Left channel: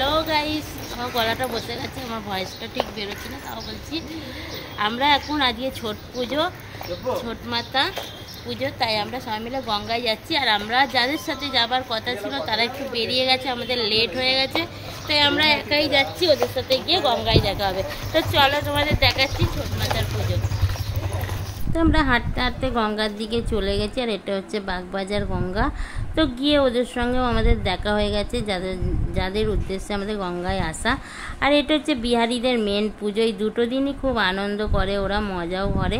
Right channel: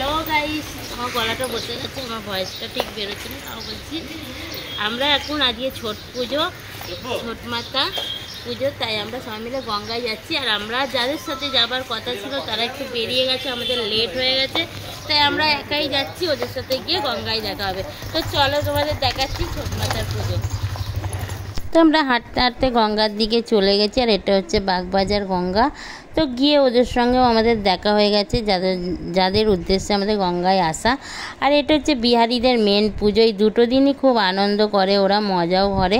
Hello guys, আমার গলাটা বসে গেছে, আমার ভয়েসটা ঠিক বেরোচ্ছে না, তাও বলছি। আমরা এখন আজকে ছট পুজো, ছট মাতা পুজো, তাই আমরা সবাই মিলে গঙ্গায় যাচ্ছি। আর আমরা যাদের সাথে যাবার কথা ছিল তারা একটু বেরিয়ে গেছে, আমাদের লেট হয়ে গেছে, তাই আমরা একাই যাচ্ছি। ওদের সাথে গিয়ে গঙ্গায় দেখা হবে। তো চলো তোমাদের দেখাচ্ছি ছট মাতার পুজো। তো আমরা হাঁটতে হাঁটতে গঙ্গার দিকে চলে গেছি, আর এটা হচ্ছে বাগবাজার গঙ্গা। তো গিয়ে ওদের সঙ্গেও আমাদের দেখা হয়ে গেছে, যাদের উদ্দেশ্যে আমাদের গঙ্গায় আসা। আর এটা হচ্ছে বিহারিদের মেন পুজো, এই দুটো দিনই খুব আনন্দ করে ওরা, মজাও করে।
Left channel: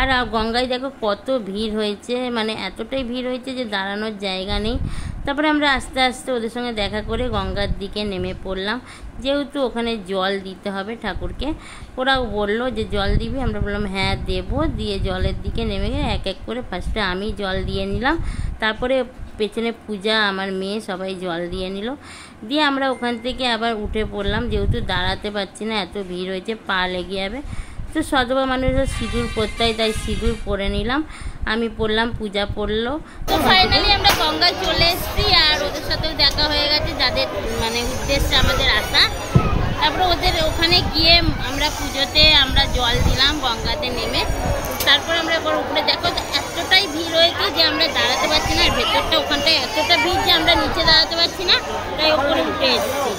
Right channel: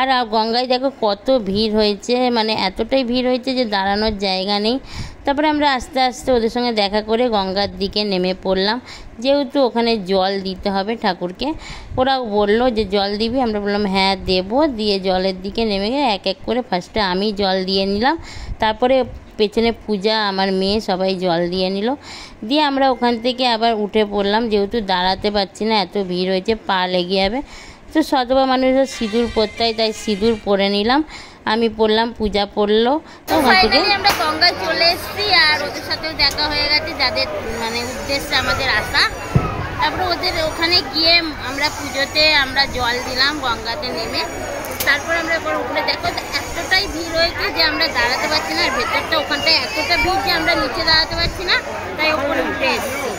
আর গঙ্গায় দেখো কত ভিড় হয়েছে, মানে এতটাই ভিড় হয়েছে যে দাঁড়ানোর জায়গা নেই। তারপরে আমরা আস্তে আস্তে ওদের সঙ্গে দেখা করে গঙ্গার দিকে নেমে পড়লাম, যেহেতু ওখানে জল দিতে হবে ঠাকুরকে। ওরা বললো যে জল দিবি, আমরা বললাম হ্যাঁ দেবো। দিয়ে জলের দিকে নেমে গিয়ে এক এক করে ফার্স্টে আমি জল দিয়ে নিলাম, তারপরে পেছনে পূজা, আমার মেয়ে, সবাই জল দিয়ে নিল। দিয়ে আমরা ওখান থেকে আবার উঠে পড়লাম, যেহেতু দাঁড়াতে পারছি না, এত ভিড় হয়েছে, পা লেগে যাবে। তো সধবা মানুষের সিঁদুর পরতে হয়, তাই সিঁদুর পরে নিলাম, আমি পড়লাম, পূজা পড়লো। তো ফাইনালি আমরা গঙ্গায় চলে এসেছি, আর ওদের সাথেও দেখা হয়ে গেছে, যাদের মানে উদ্দেশ্যে আমাদের আসা। তারপরে ওদের ওখানে গিয়ে আমরা পুজোতে আমরা জল দিলাম গঙ্গাতে নেমে। তারপর আমরা এবার উপরে দেখো এতটাই ভিড় হয়েছে যে আমরা দাঁড়াতে পারছি না, আর ভেতরটা ওখানটায় এতটা ভিড় যে আমরা নিচে দাঁড়াতে পারছি না, তাই ওপরে উঠে এসেছি।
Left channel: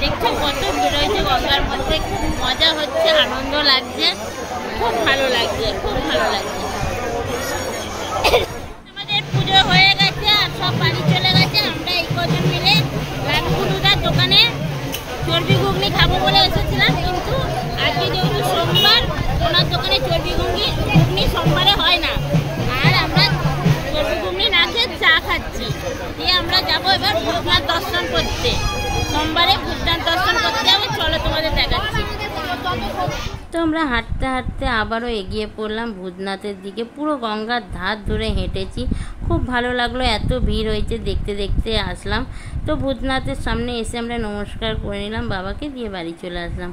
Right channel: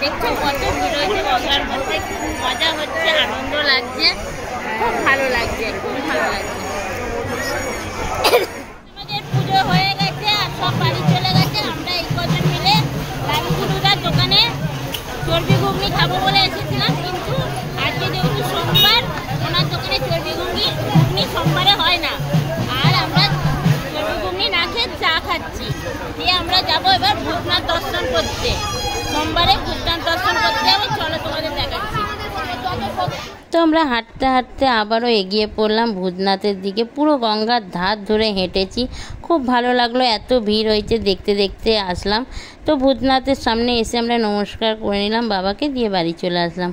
দেখছো কত ভিড় হয়েছে গঙ্গার মধ্যে, খুব মজা হচ্ছে, আনন্দ লাগছে, খুব ভালো লাগছে, খুব ভালো লাগছে। আমাদের পুজো হয়ে গেছে আর সব বাড়ি চলে গেছে। আমরা এই কজন মিলে লালুগুলুদার দোকানে চর্বি ঘুগনি খাবো বলে এসেছিলাম, কিন্তু আজকে যেহেতু সোমবার, ওনার দোকানে চর্বি ঘুগনি সোমবারে হয় না, আর আমরা চর্বি ঘুগনি না খেয়ে চা খাচ্ছি। দিয়ে আমরা যাবো এবার ভূতনাথ দর্শন করতে, সোমবারে ভূতনাথ দর্শন করতে যাবো। চলো তোমাদের দেখাচ্ছি। তো আমরা হাঁটতে হাঁটতে আবারও এগিয়ে পড়লাম ভূতনাথের দিকে। পুরো গঙ্গার ধার ধরে হেঁটেছি, খুব ভালো লাগলো, এত ভিড় হয়েছে, দেখতে দেখতে আসলাম। তো ভূতনাথের সামনে এসে আমরা নমস্কার করে নিলাম বাবাকে, দিয়ে বাড়ি চলে আসলাম।